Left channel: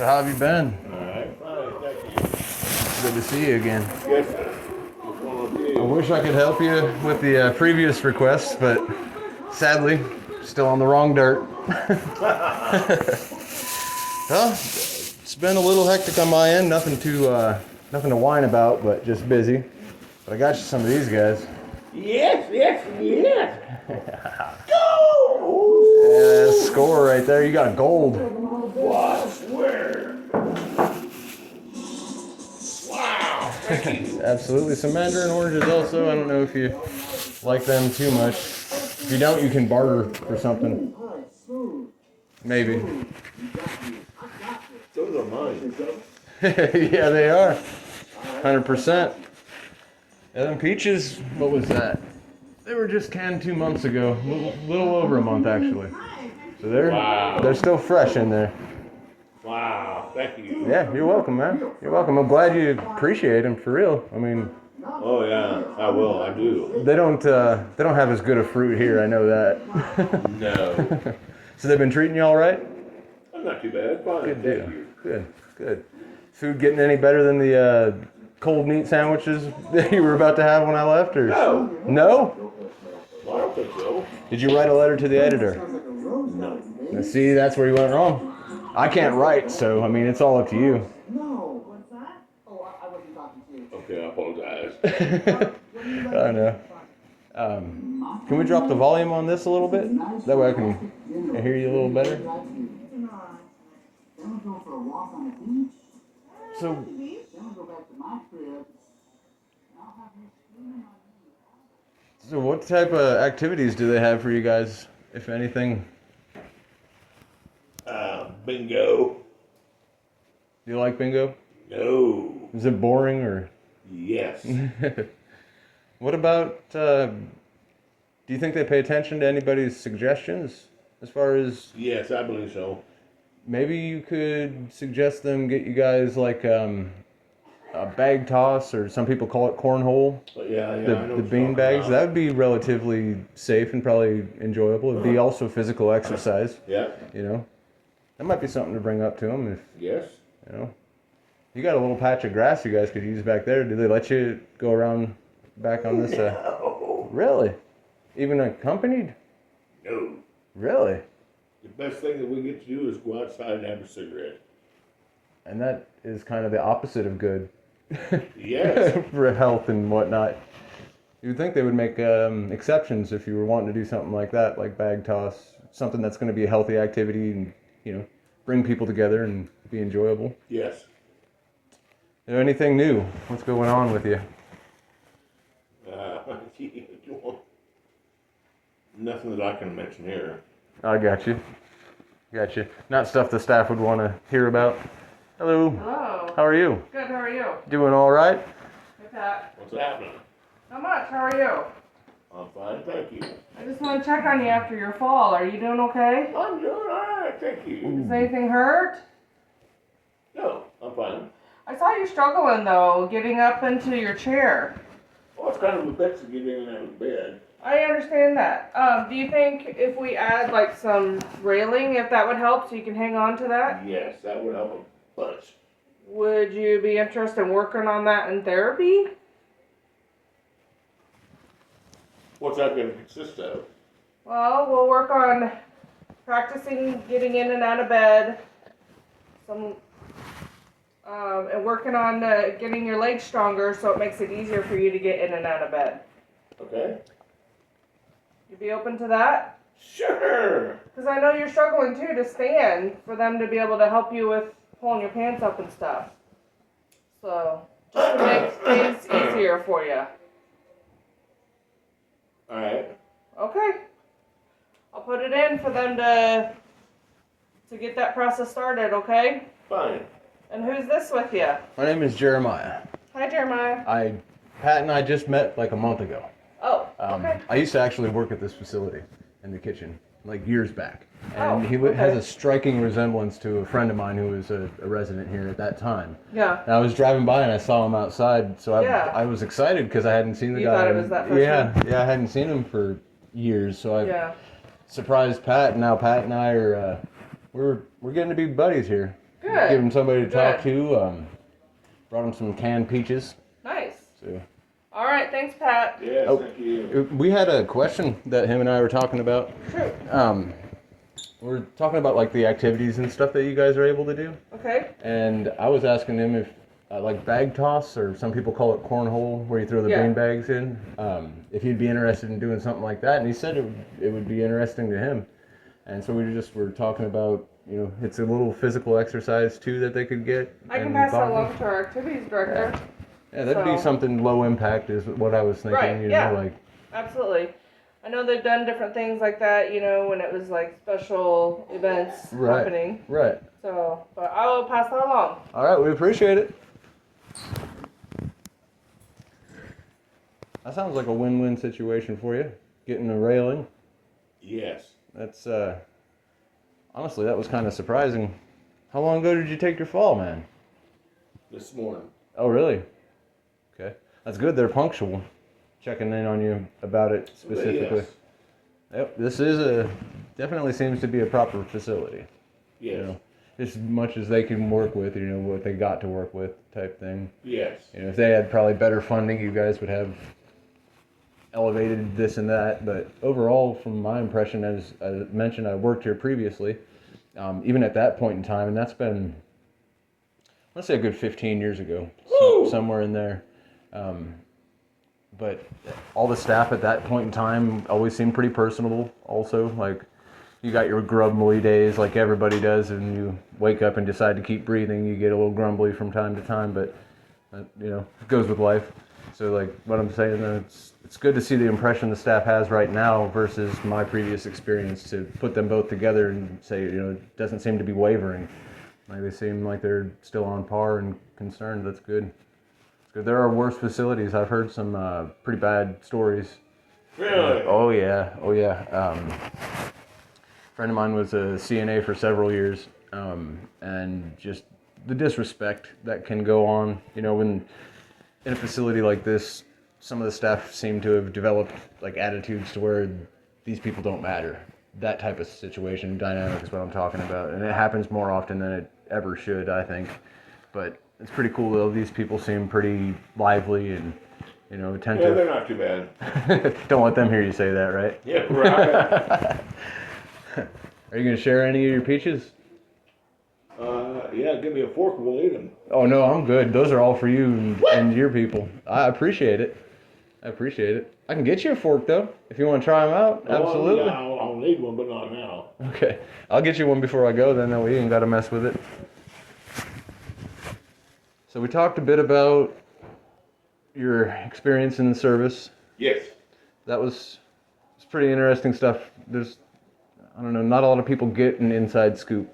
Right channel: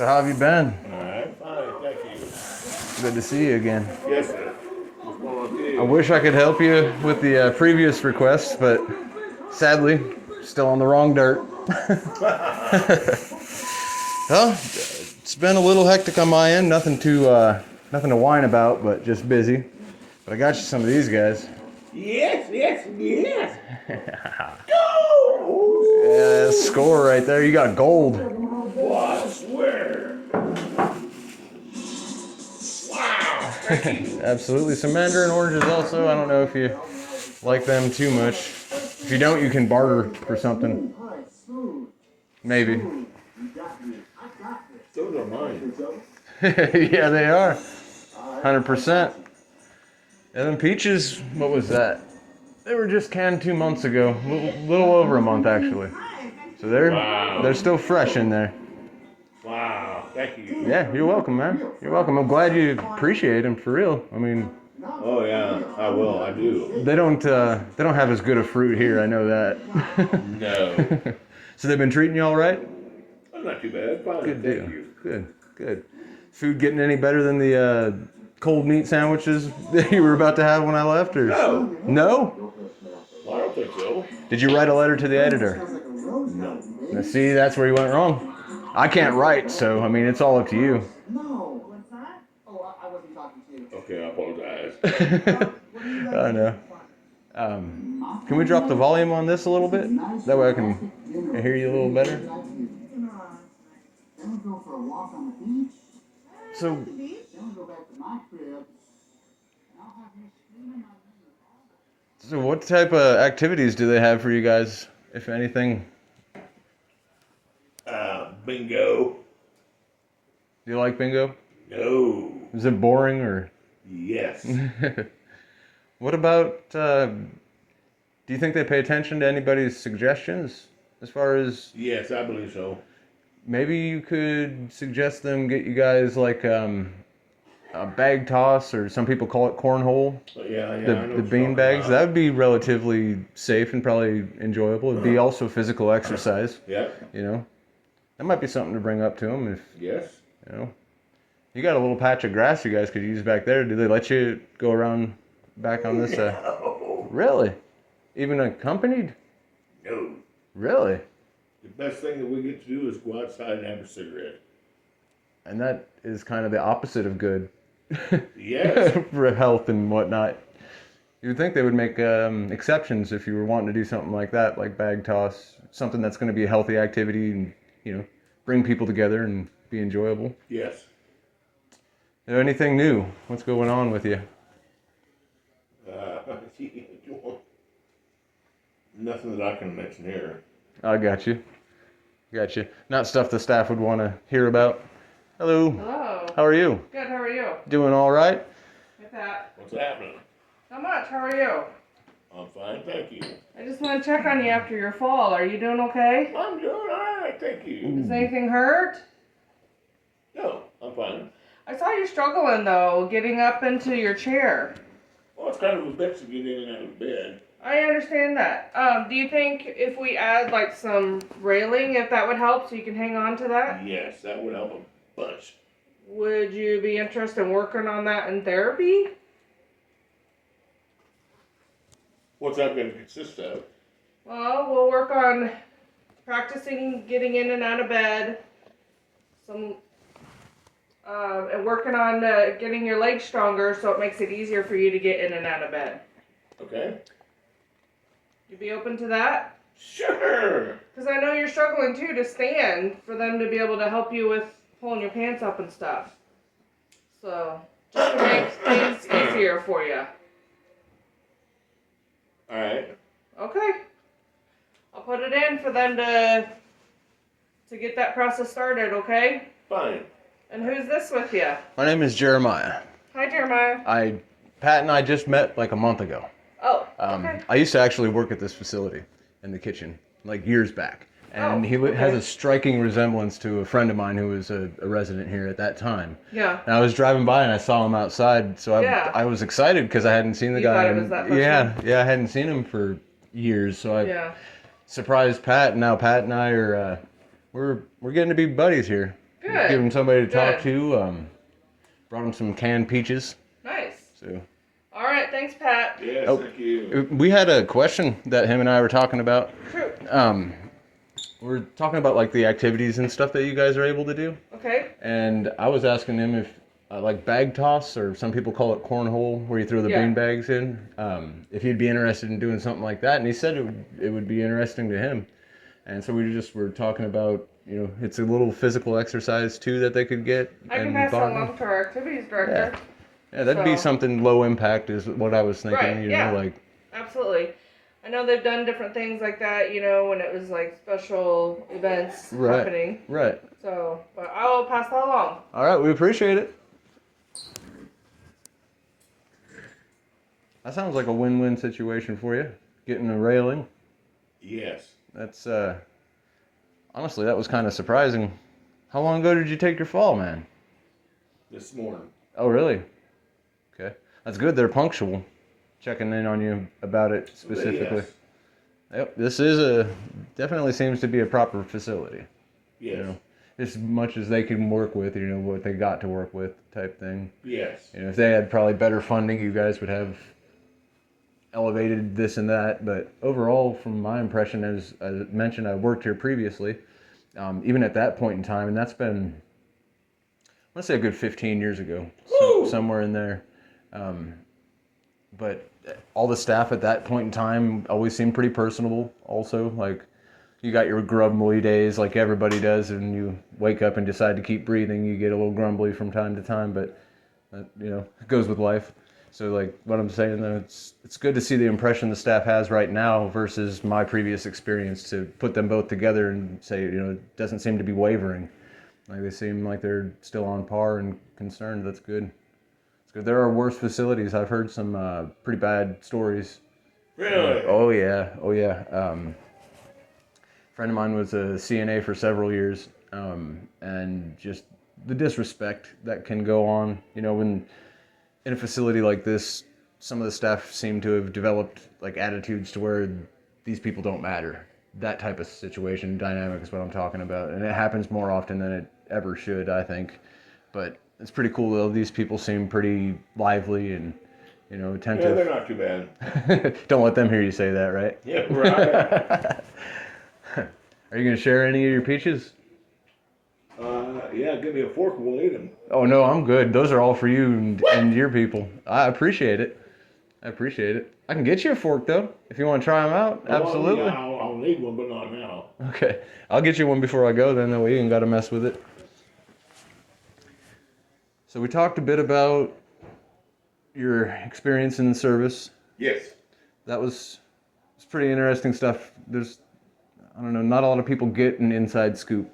So how have you been? All right, fine, thank you. Good to see you again. Yes, sir. What's going on with I you? wish I could help you with the previous requests, but sadly, still on the wrong dirt. Well, it's been a little hectic on my end. Nothing to whine about, but just busy. But I got you some of these guys. Yes. Yeah, score right there. You got gold. Well, I swear. Wow, thank you. Absolutely. Some mandarin oranges also. I don't know if you like them too much. If you don't, you can barter for something. Maybe. Those are mine. Yeah, they are. 100%. And then peaches, what was that? They were just canned 2 months ago. A little over a month, actually. So they're still fresh in there. Wow, thank you. Yeah, you're welcome, man. You're welcome. I'm glad you appreciate them, for real. I mean... Oh, yeah, I will, I do. They don't have as good a fruit here, I know that. No. So they've been treating you all right? I'm not too bad, fine, Good thank deal. you. Good. Food getting any better than the cold meat sandwiches that you were about to have when I left? Or No. No? Well, I don't think so. Did you write a letter to the editor? No. Now, see, that's where you went wrong. I can't write, so, I mean, it's all up to you. No. What's that? Oh, I wasn't talking to you. Okay, I apologize. I know. Can we drop the volume on this a little bit? That way I can hear you a little better. Then we go for a walk on the beach. So, Then we go back to my crib. I'll have you screaming my name. what type of activities do they have for you guys, if anything? Bingo. Do you like bingo? No. Is it boring or? Yes. What about, do you think they pay attention to anybody's suggestions as far as, Yes, I believe so. maybe you could suggest them get you guys like a bag toss, or some people call it cornhole, Yeah, I know the what you're bean talking bags. about. That would be relatively safe and probably enjoyable. It'd be also physical exercise, Yeah, you know. That might be something to bring up to them if, yes. you know. You got a little patch of grass you guys could use back there. Do they let you go around back on this side? No. Really? Even accompanied? No. Really? The best thing that we get to do is go outside and have a cigarette. And that is kind of the opposite of good. Yes. For health and whatnot. You would think they would make exceptions if you were wanting to do something like that, like bag toss, something that's going to be a healthy activity and, you know, bring people together and be enjoyable. Yes. Is there anything new? What's going on with you? Nothing that I can mention here. I got you. Not stuff the staff would want to hear about. Hello. Hello. How are you? Good, how are you? Doing all right? Hey, Pat. What's happening? Not much, how are you? I'm fine, thank you. I just want to check on you after your fall. Are you doing okay? I'm doing all right, thank you. Does anything hurt? No, I'm fine. I saw you struggling, though, getting up into your chair. Well, it's kind of a bitch to get in and out of bed. I understand that. Do you think if we add, like, some railing, if that would help so you can hang on to that? Yes, that would help a bunch. Would you be interested in working on that in therapy? What's that going to consist of? Well, we'll work on practicing getting in and out of bed, and working on getting your legs stronger so it makes it easier for you to get in and out of bed. Okay. You be open to that? Sure. Because I know you're struggling too to stand, for them to be able to help you with pulling your pants up and stuff. So, just to make things easier for you. All right. Okay. I'll put it in for them to get that process started, okay? Fine. And who's this with you? My name is Jeremiah. Hi, Jeremiah. Pat and I just met like a month ago. Oh, okay. I used to actually work at this facility in the kitchen, like years back. And Oh, he okay. has a striking resemblance to a friend of mine who was a resident here at that time. Yeah. And I was driving by and I saw him outside, so I was excited because I hadn't seen the You guy. thought it was that first one? Yeah, I hadn't seen him for years, so I surprised Pat, and now Pat and I are we're getting to be buddies here. Good. Good. Give him somebody to talk Good. to. Brought him some canned peaches. Nice. So. All right. Thanks, Pat. Yes, Oh. thank you. We had a question that him and I were talking about. Sure. We're talking about like the activities and stuff that you guys are able to do. Okay. And I was asking him if like bag toss, or some people call it cornhole, where you throw the bean bags in. If he'd be interested in doing something like that, and he said it would be interesting to him. And so we just were talking about, it's a little physical exercise too that they could get. I can pass that along to our activities director. Yeah, that'd be So- something low impact is what I was thinking. Right, yeah. Like. Absolutely. I know they've done different things like that, when it was like special events happening. Right. So, but I will pass that along. All right, we appreciate it. That sounds like a win-win situation for you. Getting a railing. Yes. That's honestly, that was kind of surprising. How long ago did you take your fall, man? This morning. Oh, really? Okay, that's good. They're punctual, checking in on you about it specifically. Yes. Yep, this is definitely seems to be a proper facility. Yes. As much as they can work with, what they got to work with, type thing. Yes. If they had probably better funding, you guys would have elevated this and that. But overall, from my impression, as I mentioned, I worked here previously, even at that point in time, and that's been, let's say, a good 15 years ago, somewhere in there. But all the staff at that point in time always seemed pretty personable. Also, like, you got your grumbly days like everybody does, and you wake up and decide to keep breathing. You get a little grumbly from time to time, but it goes with life. So, like, what I'm saying, it's good to see the impression the staff has right now versus my previous experience, to put them both together and say, it doesn't seem to be wavering. Like, they seem like they're still on par and concerned. That's good. It's good. There are worse facilities. I've heard some pretty bad stories. Really? Oh yeah. Friend of mine was a CNA for several years, and just the disrespect that can go on, when in a facility like this, some of the staff seem to have developed like attitudes to where these people don't matter. That type of situation, dynamic is what I'm talking about, and it happens more often than it ever should, I think. But it's pretty cool though. These people seem pretty lively and attentive. Yeah, they're not too bad. Don't let them hear you say that, right? Yeah, right. Are you gonna share any of your peaches? Yeah, give me a fork and we'll eat them. Oh no, I'm good. Those are all for you and your people. I appreciate it. I can get you a fork though, if you want to try them out. Absolutely. Yeah, I'll need one, but not now. Okay, I'll get you one before I go. Then that way you ain't got to mess with it. So we talked a bit about your experience in the service. Yes. That was it's pretty interesting stuff. I don't know, not a lot of people get an inside scoop,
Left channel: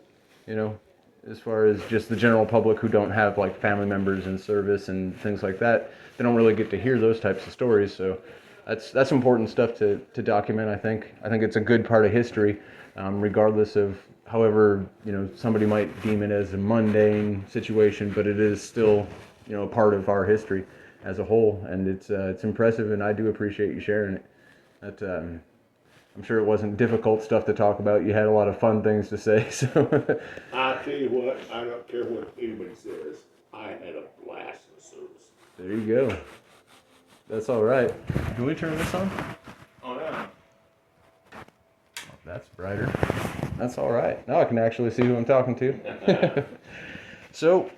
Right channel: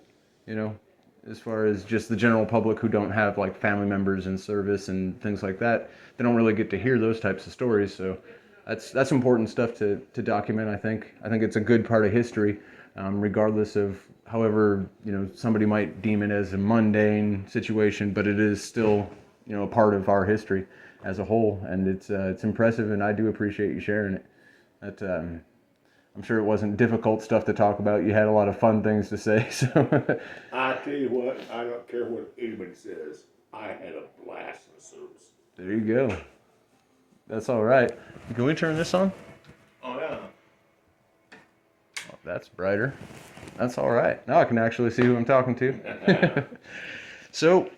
as far as just the general public who don't have like family members in service and things like that. They don't really get to hear those types of stories. So that's important stuff to document. I think it's a good part of history, regardless of however somebody might deem it as a mundane situation, but it is still a part of our history as a whole, and it's impressive, and I do appreciate you sharing it. That I'm sure it wasn't difficult stuff to talk about. You had a lot of fun things to say. So I tell you what, I don't care what anybody says. I had a blast in the service. there you go. That's all right. Can we turn this on? Oh yeah. That's brighter. That's all right. Now I can actually see who I'm talking to. So,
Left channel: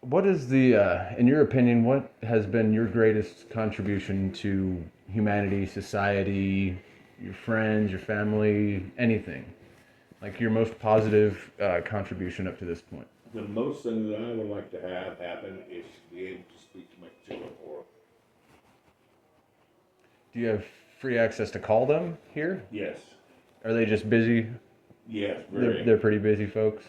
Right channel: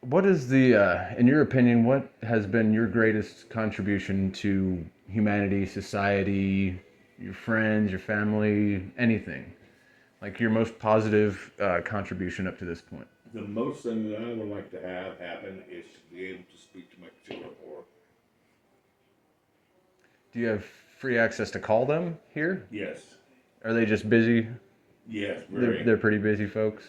what is in your opinion, what has been your greatest contribution to humanity, society, your friends, your family, anything? Like your most positive contribution up to this point? The most thing that I would like to have happen is to be able to speak to my children more. Do you have free access to call them here? Yes. Are they just busy? Yes, very. They're pretty busy folks.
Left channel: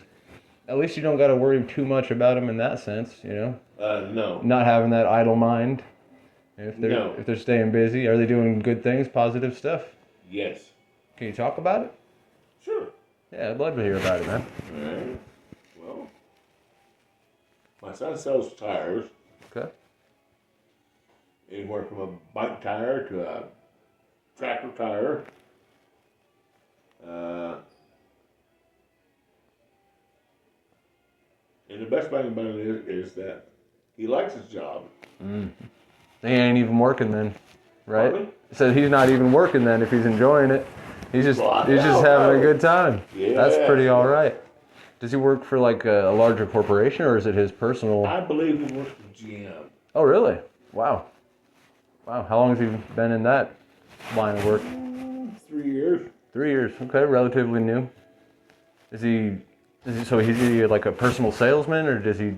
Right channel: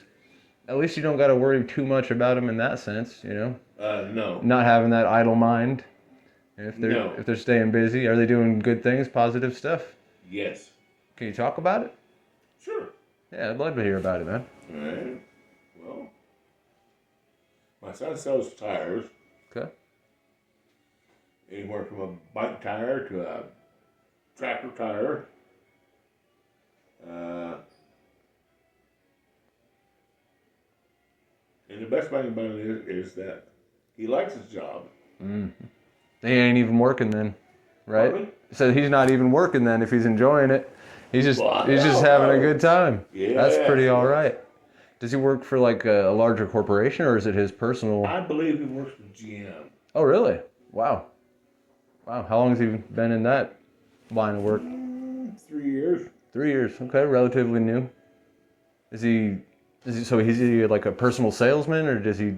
At least you don't got to worry too much about them in that sense, No. Not having that idle mind. If they're staying busy, are they doing good things, positive stuff? Yes. Can you talk about it? Sure. Yeah, I'd love to hear about it, man. All right. Well, my son sells tires. Okay. Anywhere from a bike tire to a tractor tire. And the best thing about it is that he likes his job. Mm. He ain't even working then, right? Pardon me? So he's not even working then if he's enjoying it. He's just having a good time. That's pretty Yes, all yes. right. Does he work for like a larger corporation or is it his personal? I believe he works for GM. Oh, really? Wow. Wow. How long has he been in that line of work? 3 years. 3 years. Okay, relatively new. Is he? So he's he like a personal salesman or does he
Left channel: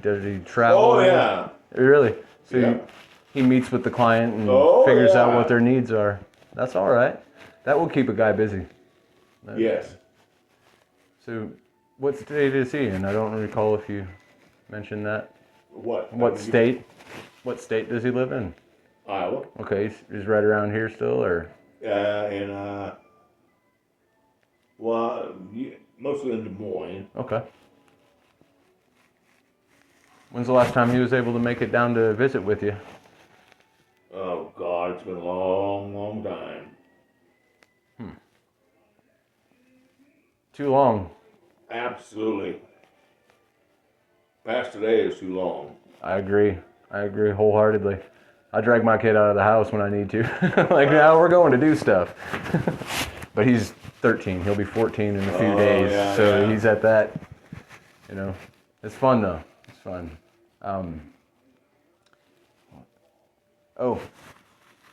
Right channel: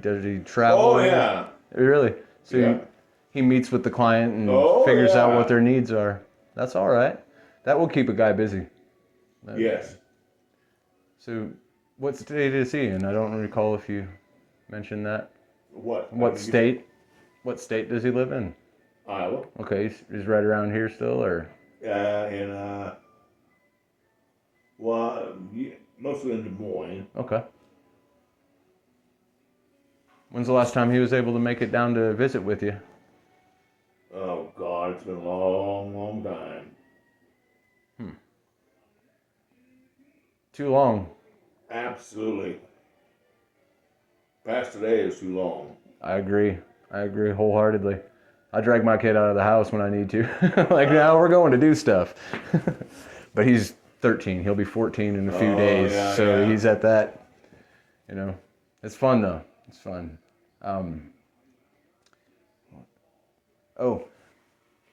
travel? Oh yeah. Really? So Yeah. he meets with the client and Oh, figures out yeah. what their needs are. That's all right. That will keep a guy busy. Yes. So, what state is he in? I don't recall if you mentioned that. What? What state? What state does he live in? Iowa. Okay, he's right around here still, or? Mostly in Des Moines. Okay. When's the last time he was able to make it down to visit with you? Oh God, it's been a long, long time. Too long. Absolutely. Past today is too long. I agree. I agree wholeheartedly. I drag my kid out of the house when I need to. Like, now we're going to do stuff. But he's 13. He'll be 14 in a few days. Yeah, so yeah. he's at that, It's fun, though. It's fun.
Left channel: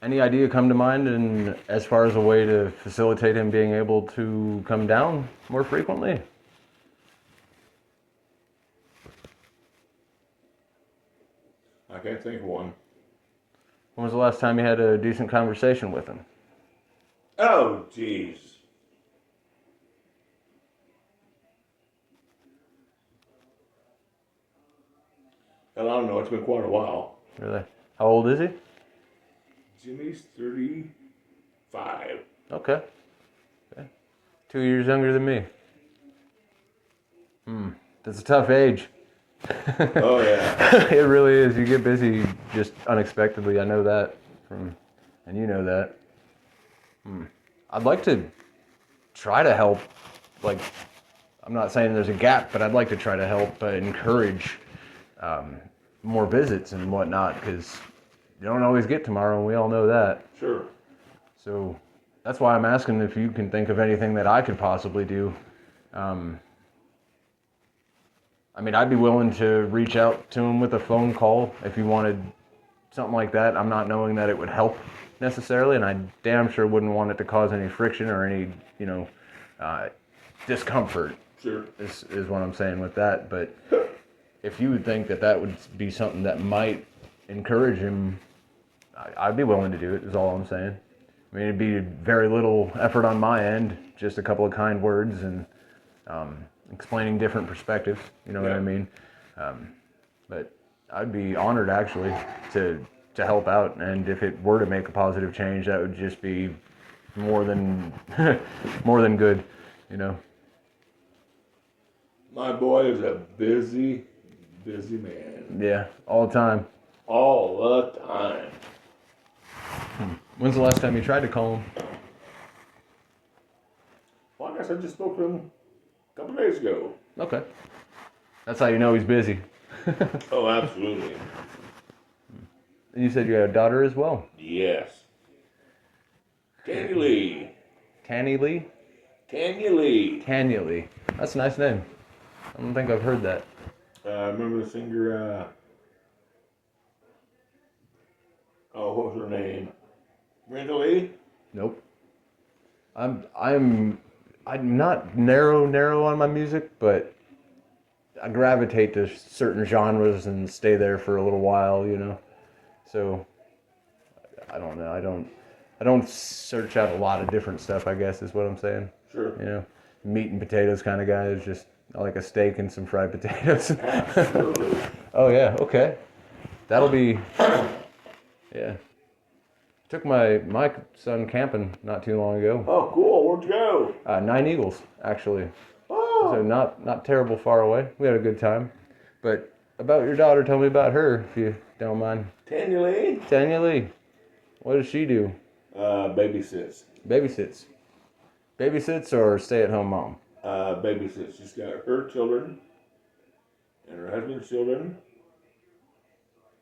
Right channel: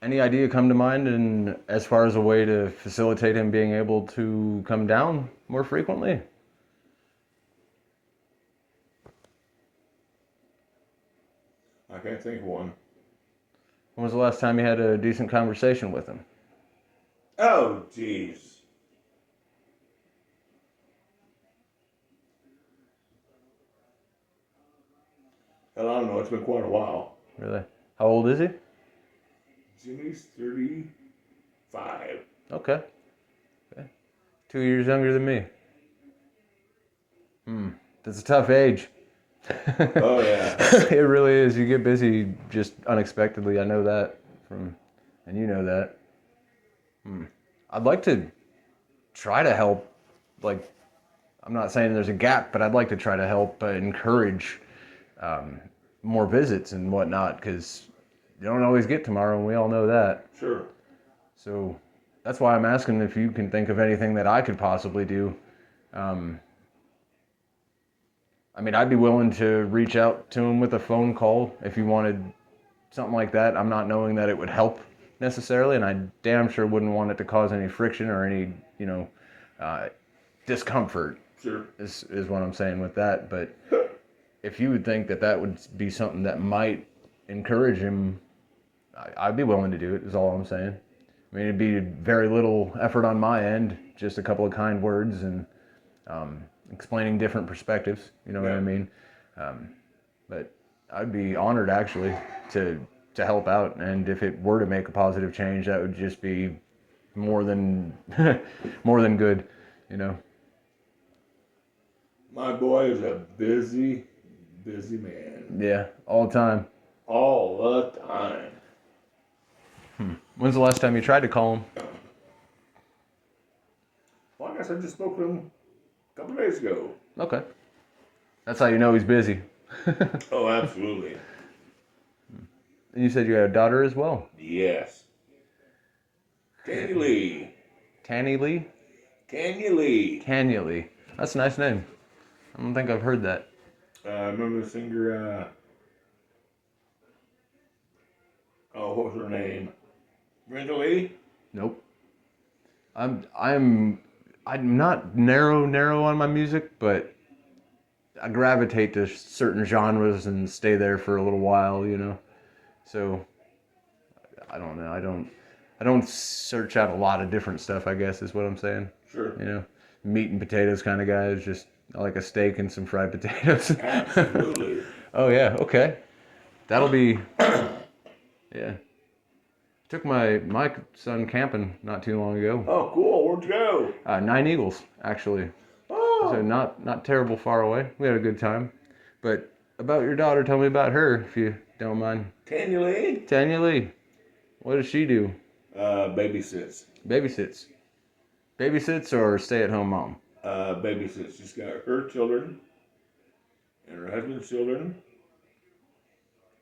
Any idea come to mind and as far as a way to facilitate him being able to come down more frequently? I can't think of one. When was the last time you had a decent conversation with him? Oh, jeez. Hell, I don't know. It's been quite a while. Really? How old is he? Jimmy's 35. Okay. 2 years younger than me. That's a tough age. Oh, yeah. It really is. You get busy just unexpectedly. I know that and you know that. I'd like to try to help. Like, I'm not saying there's a gap, but I'd like to try to help encourage more visits and whatnot because you don't always get tomorrow, and we all know that. Sure. So that's why I'm asking if you can think of anything that I could possibly do. I'd be willing to reach out to him with a phone call if you wanted something like that. I'm not knowing that it would help necessarily, and I damn sure wouldn't want it to cause any friction or any, discomfort. Sure. Is what I'm saying with that. But if you would think that would be something that might encourage him, I'd be willing to do it, is all I'm saying. It'd be very little effort on my end, just a couple of kind words and explaining different perspectives, you know what I mean? But I'd be honored, actually, to help out, and if it were to make a positive change, that would just be more than more than good, My boy is a busy, busy man. Yeah, all the time. All the time. When's the last time you tried to call him? Well, I guess I just spoke to him a couple days ago. Okay. That's how you know he's busy. Oh, absolutely. And you said you had a daughter as well. Yes. Tanya Lee. Tanny Lee? Tanya Lee. Tanya Lee. That's a nice name. I don't think I've heard that. Remember the singer, what was her name? Brenda Lee? Nope. I'm not narrow on my music, but I gravitate to certain genres and stay there for a little while, So I don't know. I don't search out a lot of different stuff, I guess is what I'm saying. Sure. Meat and potatoes kind of guy. Just I like a steak and some fried potatoes. Absolutely. Oh yeah, okay. That'll be yeah. Took my son camping not too long ago. Oh, cool. Where'd you go? 9 Eagles, actually. Oh. So not terrible far away. We had a good time. But about your daughter, tell me about her, if you don't mind. Tanya Lee? Tanya Lee. What does she do? Babysits. Babysits. Babysits or stay-at-home mom? Babysits. She's got her children and her husband's children,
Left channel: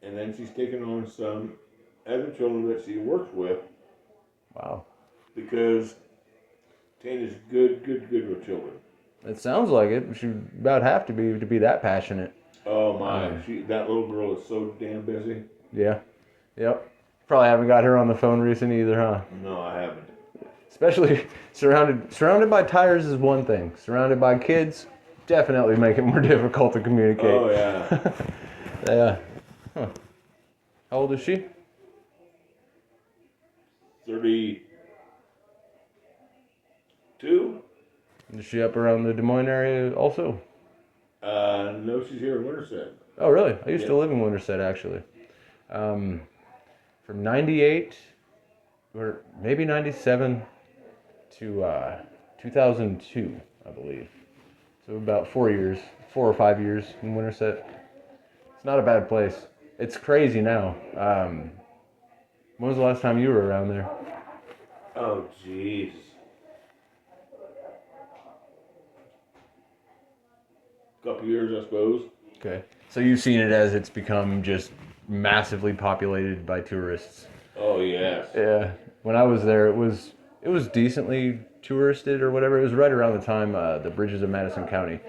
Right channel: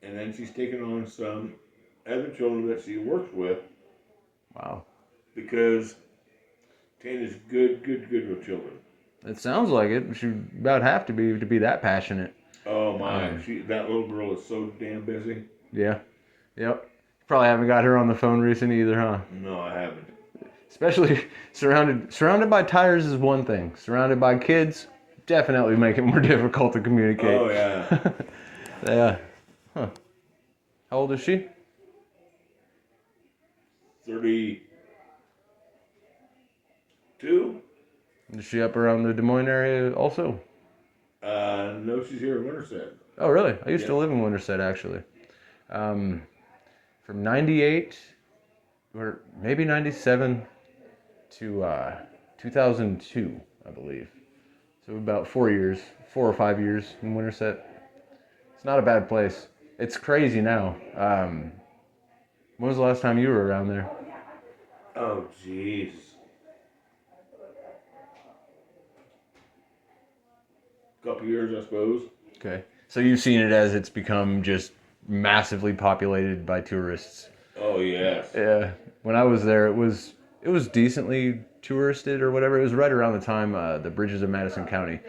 and then she's taken on some other children that she works with Wow. because Tana's good with children. It sounds like it. She about have to be that passionate. Oh my, that little girl is so damn busy. Yeah. Yep. Probably haven't got her on the phone recently either, huh? No, I haven't. Especially surrounded by tires is one thing. Surrounded by kids, definitely make it more difficult to communicate. Oh yeah. Yeah. Huh. How old is she? 32. Is she up around the Des Moines area also? No, she's here in Winterset. Oh, really? I used to Yeah. live in Winterset, actually. From 98, or maybe 97 to 2002, I believe. So about 4 or 5 years in Winterset. It's not a bad place. It's crazy now. When was the last time you were around there? Oh jeez. Couple years, I suppose. Okay. So you've seen it as it's become just massively populated by tourists. Oh yes. Yeah. When I was there, it was decently touristed or whatever. It was right around the time the Bridges of Madison County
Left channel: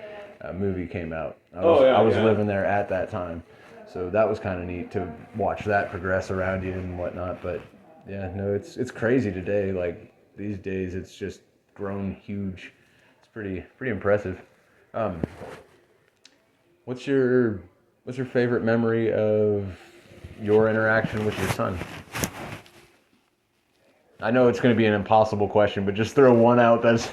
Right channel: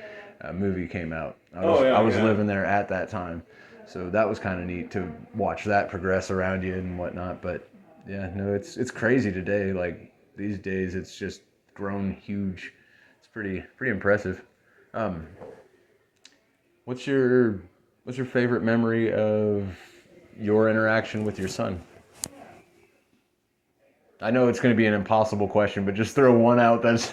movie came out. I was living there at that time, so that was kind of neat to watch that progress around you and whatnot. But yeah, no, it's crazy today. Like these days, it's just grown huge. It's pretty impressive. Um, what's your favorite memory of your interaction with your son? I know it's going to be an impossible question, but just throw one out that's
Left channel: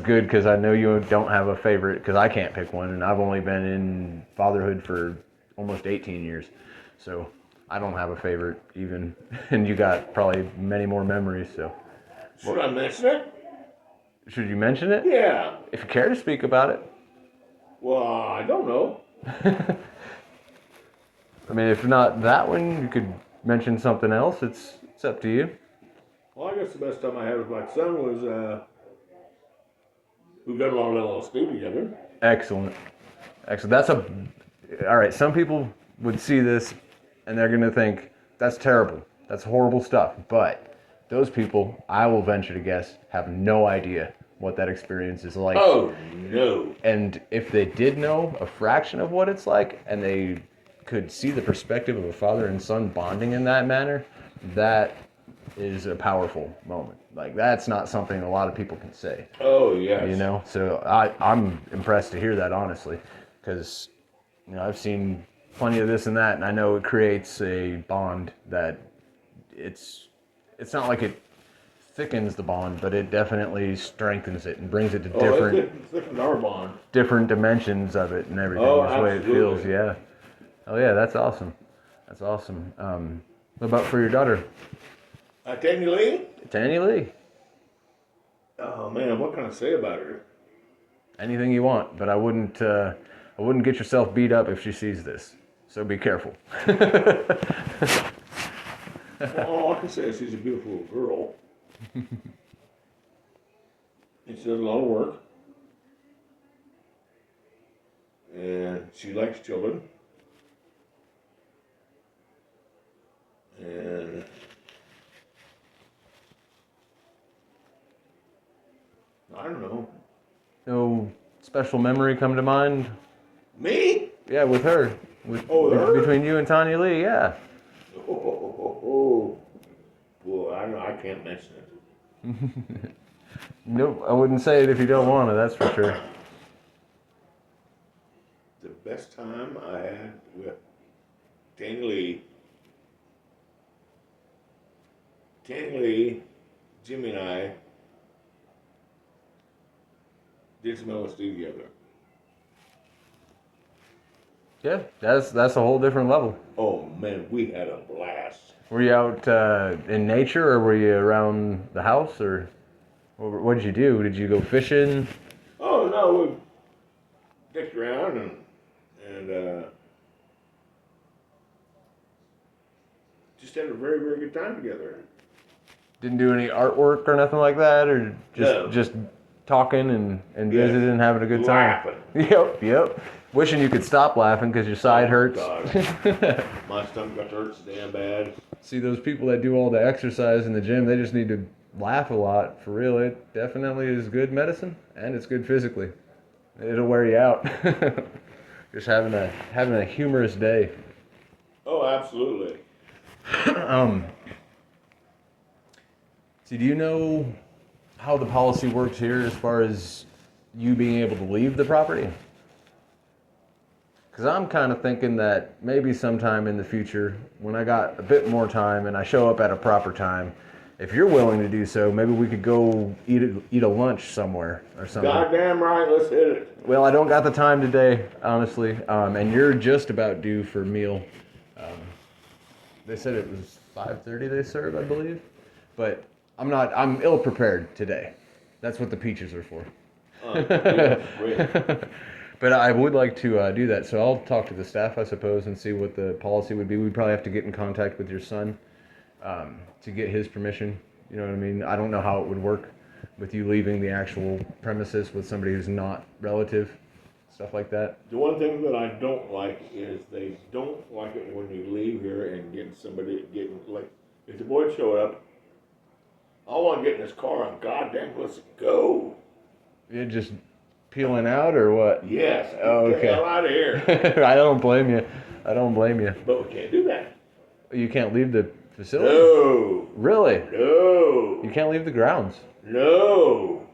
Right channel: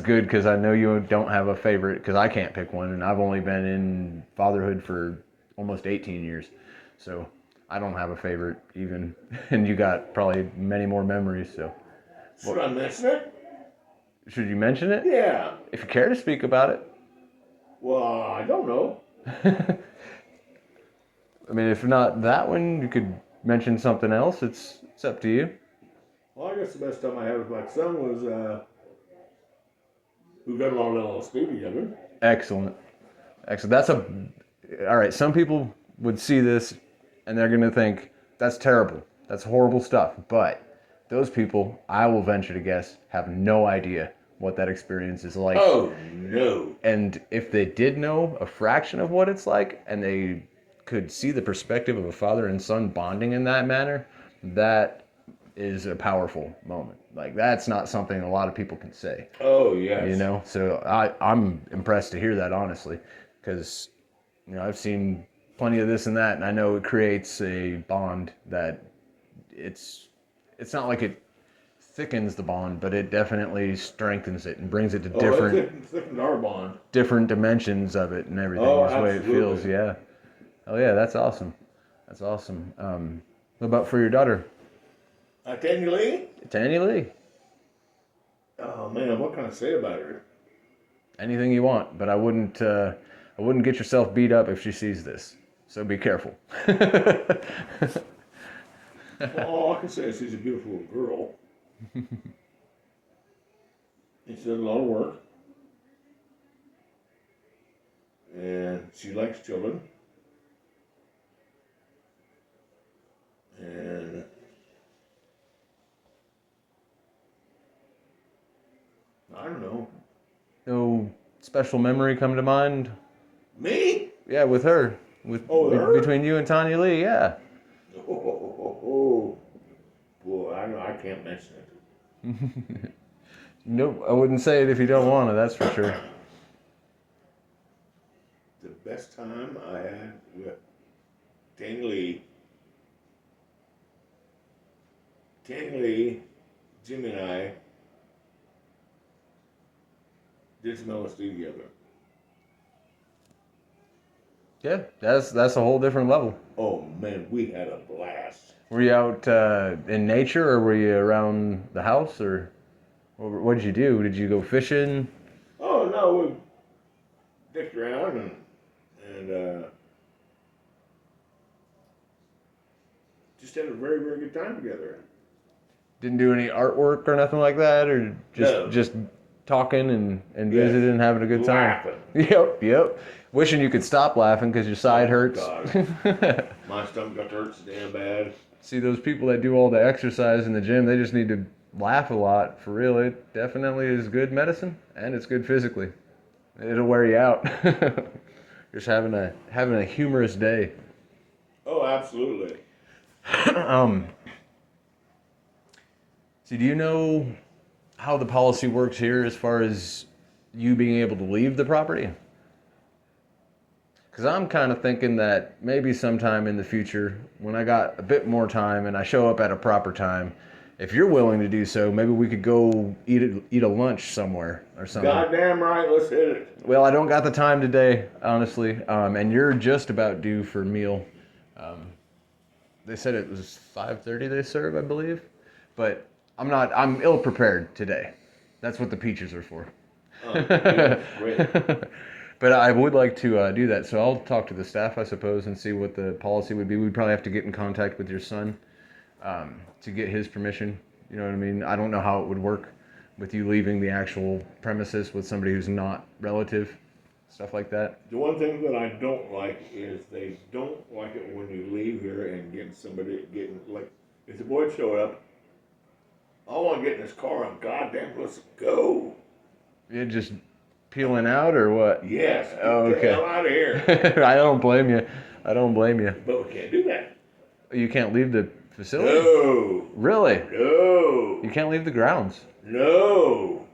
good, because I know you don't have a favorite, because I can't pick one, and I've only been in fatherhood for almost 18 years. So I don't have a favorite even, and you got probably many more memories. So Should I mention it? should you mention it? Yeah. If you care to speak about it. Well, I don't know. I mean, if not that one, you could mention something else. It's up to you. Well, I guess the best time I had with my son was we've done a lot of LSD together. Excellent. That's all right. Some people would see this and they're going to think that's terrible. That's horrible stuff. But those people, I will venture to guess, have no idea what that experience is like. Oh no. And if they did know a fraction of what it's like, and they could see the perspective of a father and son bonding in that manner, that is a powerful moment. Like, that's not something a lot of people can say. Oh yes. You know, so I'm impressed to hear that, honestly, because I've seen plenty of this and that, and I know it creates a bond that it's not like it thickens the bond, but it definitely strengthens it and brings it to It thickened our bond. different dimensions of it and everything. Oh, That's the way it absolutely. feels. Yeah. Oh yeah, that's awesome. That's awesome. What about for your daughter, Tanya Lee? Tanya Lee? Oh man, what can I say about her? Anything you want, but I wouldn't get yourself beat up if she sees this. So be careful. Well, all I can say is she's a beautiful little girl. And she does a lot of work. And she likes children. And I don't know. No special memory come to mind? Me? Yeah, with her. Her? Between you and Tanya Lee, yeah. Oh. Well, I can't mention it. Nope, I wouldn't say it if you don't want to, that's for sure. The best time I had with Tanya Lee, Jimmy and I did some LSD together. Yeah, that's a whole different level. Oh man, we had a blast. Were you out in nature, or were you around the house, or what did you do? Did you go fishing? Oh no, we dicked around and just had a very, very good time together. Didn't do any artwork or nothing like that, or just No. just talking and Yes. visiting and having a good time? Laughing. Yep. Wishing you could stop laughing because your side hurts. God. My stomach got to hurt so damn bad. See, those people that do all the exercise in the gym, they just need to laugh a lot. For real, it definitely is good medicine, and it's good physically. It'll wear you out. Just having a humorous day. Oh, absolutely. So do you know how the policy works here as far as you being able to leave the property? Because I'm kind of thinking that maybe sometime in the future, when I got a bit more time and I show up at a proper time, if you're willing to do so, maybe we could go eat a lunch somewhere or something. Goddamn right, let's hit it. Well, I don't got the time today, honestly, and you're just about due for a meal. They said it was 5:30 they serve, I believe, but I'm ill prepared today. That's what the peaches are for. Oh, great. But I would like to do that, so I'll talk to the staff, I suppose, and see what the policy would be. We'd probably have to get in contact with your son to get his permission. You know what I mean? I don't know how it would work with you leaving the actual premises with somebody who's not relative, stuff like that. The one thing that I don't like is they don't like it when you leave here and getting like, if the boy showed up, I want to get in his car and goddamn, let's go. You're just peeling out or what? Yes. Get Oh, the okay. hell out of here. I don't blame you. I don't blame you. But we can't do that. You can't leave the facility? No. Really? No. You can't leave the grounds? No.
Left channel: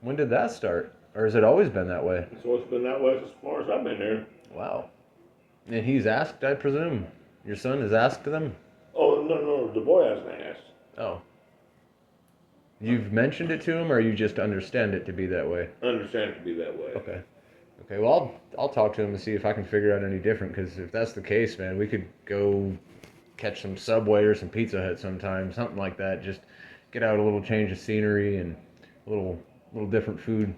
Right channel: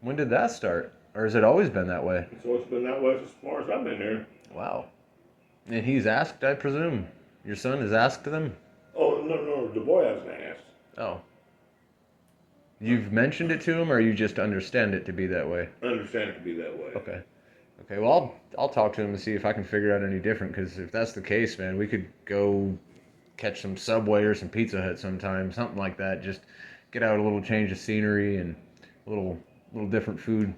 When did that start? Or has it always been that way? So it's been that way as far as I've been there. Wow. And he's asked, I presume? Your son has asked them? Oh, no, the boy hasn't asked. Oh. You've mentioned it to him, or you just understand it to be that way? I understand it to be that way. Okay. Okay, well, I'll talk to him and see if I can figure out any different, because if that's the case, man, we could go catch some Subway or some Pizza Hut sometime, something like that. Just get out a little change of scenery and a little different food.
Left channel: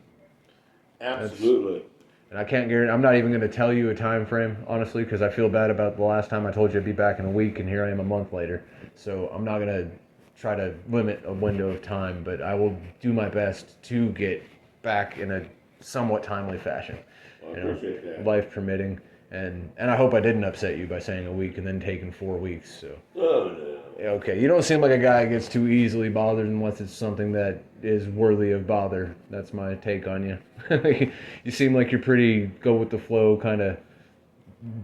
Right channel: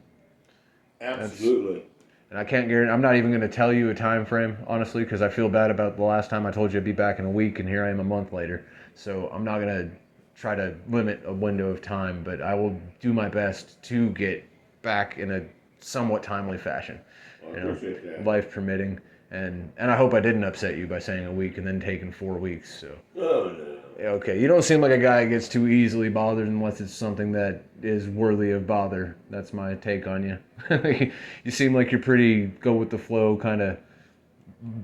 Absolutely. And I can't guarantee, I'm not even going to tell you a time frame, honestly, because I feel bad about the last time I told you I'd be back in a week, and here I am a month later. So I'm not going to try to limit a window of time, but I will do my best to get back in a somewhat timely fashion. Well, I appreciate that. Life permitting. And I hope I didn't upset you by saying a week and then taking 4 weeks. So. Oh, no. Okay, you don't seem like a guy who gets too easily bothered unless it's something that is worthy of bother. That's my take on you. You seem like you're pretty go with the flow, kind of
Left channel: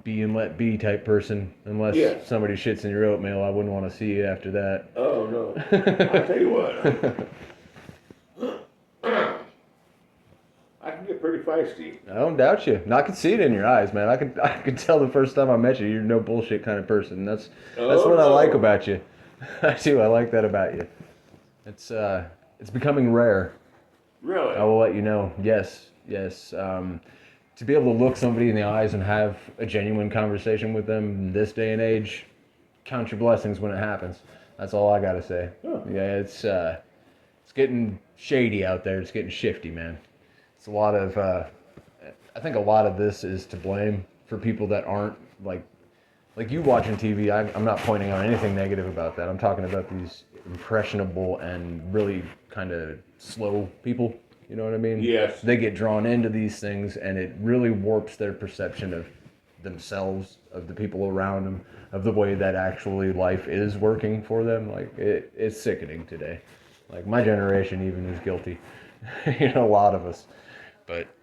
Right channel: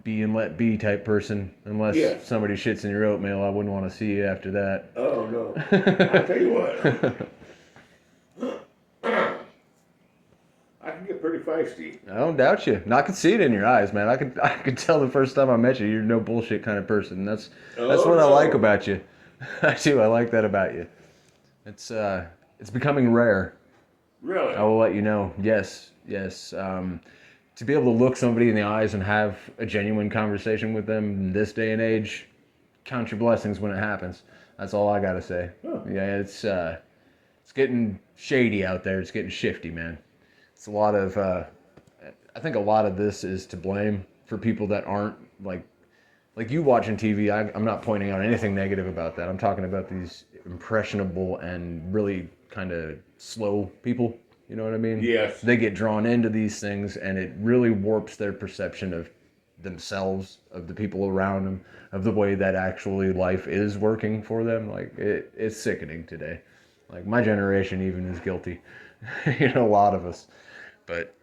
be and let be type person. Unless somebody shits in your oatmeal, I wouldn't want to see you after that. Oh, no. I'll tell you what. I can get pretty feisty. I don't doubt you. And I can see it in your eyes, man. I could tell the first time I met you, you're no bullshit kind of person. That's what I like about you. I do. I like that about you. It's becoming rare. Really? I will let you know. Yes. To be able to look somebody in the eyes and have a genuine conversation with them in this day and age, count your blessings when it happens. That's all I gotta say. Huh. Yeah, it's getting shady out there. It's getting shifty, man. It's a lot of, I think a lot of this is to blame for people that aren't, like you watching TV. I'm not pointing out anything negative about that. I'm talking about these impressionable and really kind of slow people. You know what I mean? Yes. They get drawn into these things, and it really warps their perception of themselves, of the people around them, of the way that actually life is working for them. Like, it's sickening today. Like, my generation even is guilty. A lot of us. But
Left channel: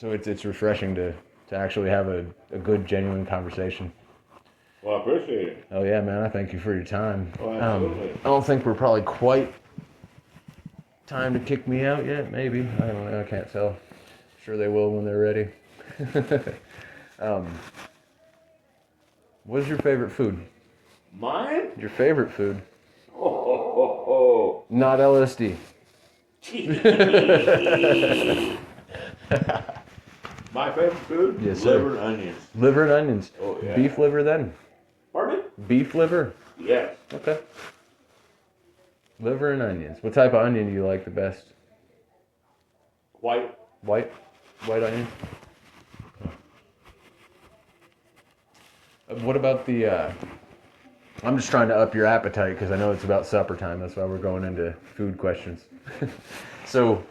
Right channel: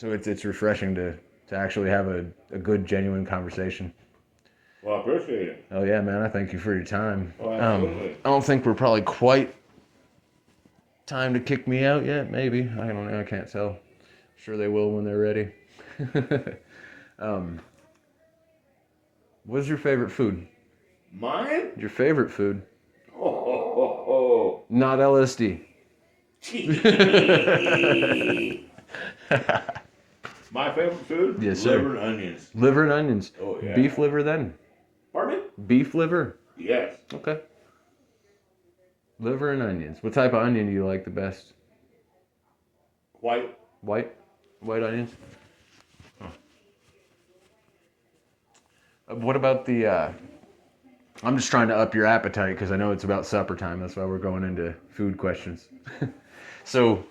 so it's refreshing to actually have a good, genuine conversation. Well, I appreciate it. Oh yeah, man! I thank you for your time. Oh, absolutely. I don't think we're probably quite time to kick me out yet. Maybe, I don't know. I can't tell. Sure they will when they're ready. What's your favorite food? Mine? Your favorite food? Oh. Not LSD. My favorite food? Yes, sir. Liver and onions. Liver and onions. Oh, yeah. Beef liver then? Pardon me? Beef liver? Yes. Okay. Liver and onions. What type of onion do you like the best? White. White onions? What about the, I'm just trying to up your appetite because I know it's about supper time. That's why we're going into food questions. So,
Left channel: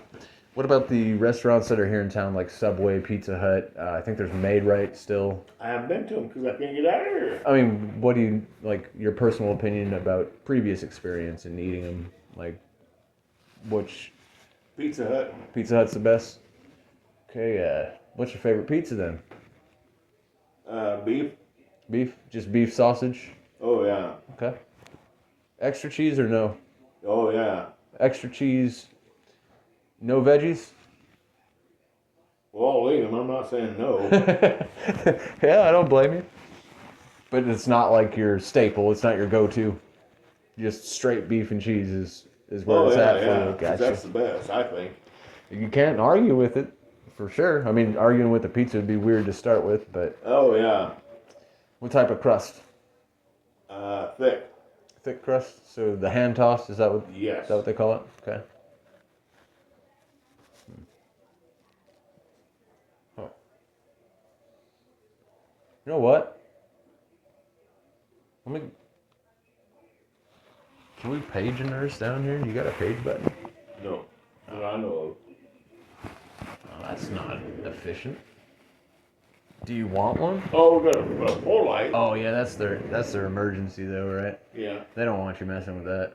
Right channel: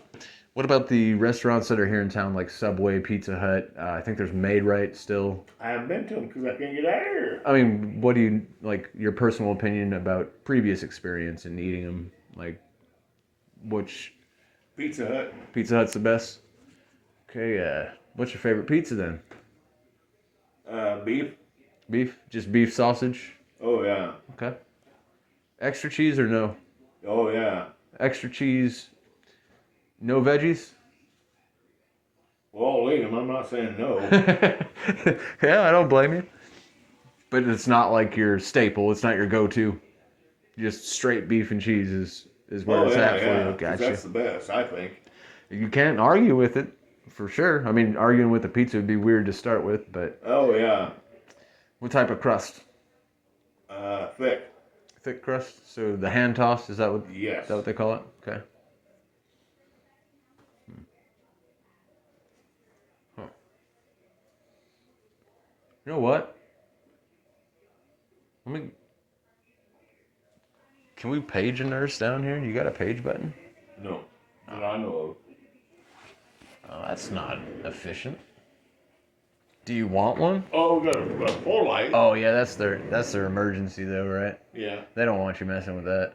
What about the restaurants that are here in town, like Subway, Pizza Hut? I think there's Made Right still. I haven't been to them because I can't get out of here. I mean, what do you like? Your personal opinion about previous experience in eating them? Like, which Pizza Hut. Pizza Hut's the best? Okay, what's your favorite pizza then? Beef. Beef? Just beef sausage? Oh yeah. Okay. Extra cheese or no? Oh yeah. Extra cheese, no veggies? Well, I'll eat them. I'm not saying no. Yeah, I don't blame you. But it's not like your staple. It's not your go-to. Just straight beef and cheese is where Oh it's yeah, at for yeah. you. 'Cause Gotcha. that's the best, I think. You can't argue with it, for sure. I mean, arguing with the pizza would be weird to start with, but Oh yeah. what type of crust? Thick. Thick crust? So the hand tossed, is that Yes. what they call it? Okay. Huh. You know what? Let me. Can we page a nurse down here? You got a page button? No. That I know Oh, that's not efficient. Do you want one? of. Oh, we got a pole light. Oh yeah, that's their emergency though, right? Yeah. They don't want you messing with that.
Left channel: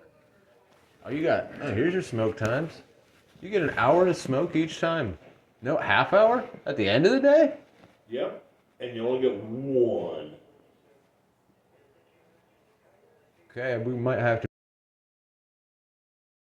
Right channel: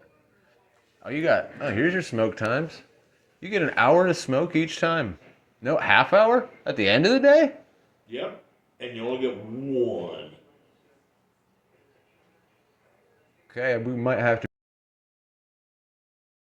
Oh, here's your smoke times. You get an hour to smoke each time. No, half hour at the end of the day? Yep. And you only get one. Okay, we might have to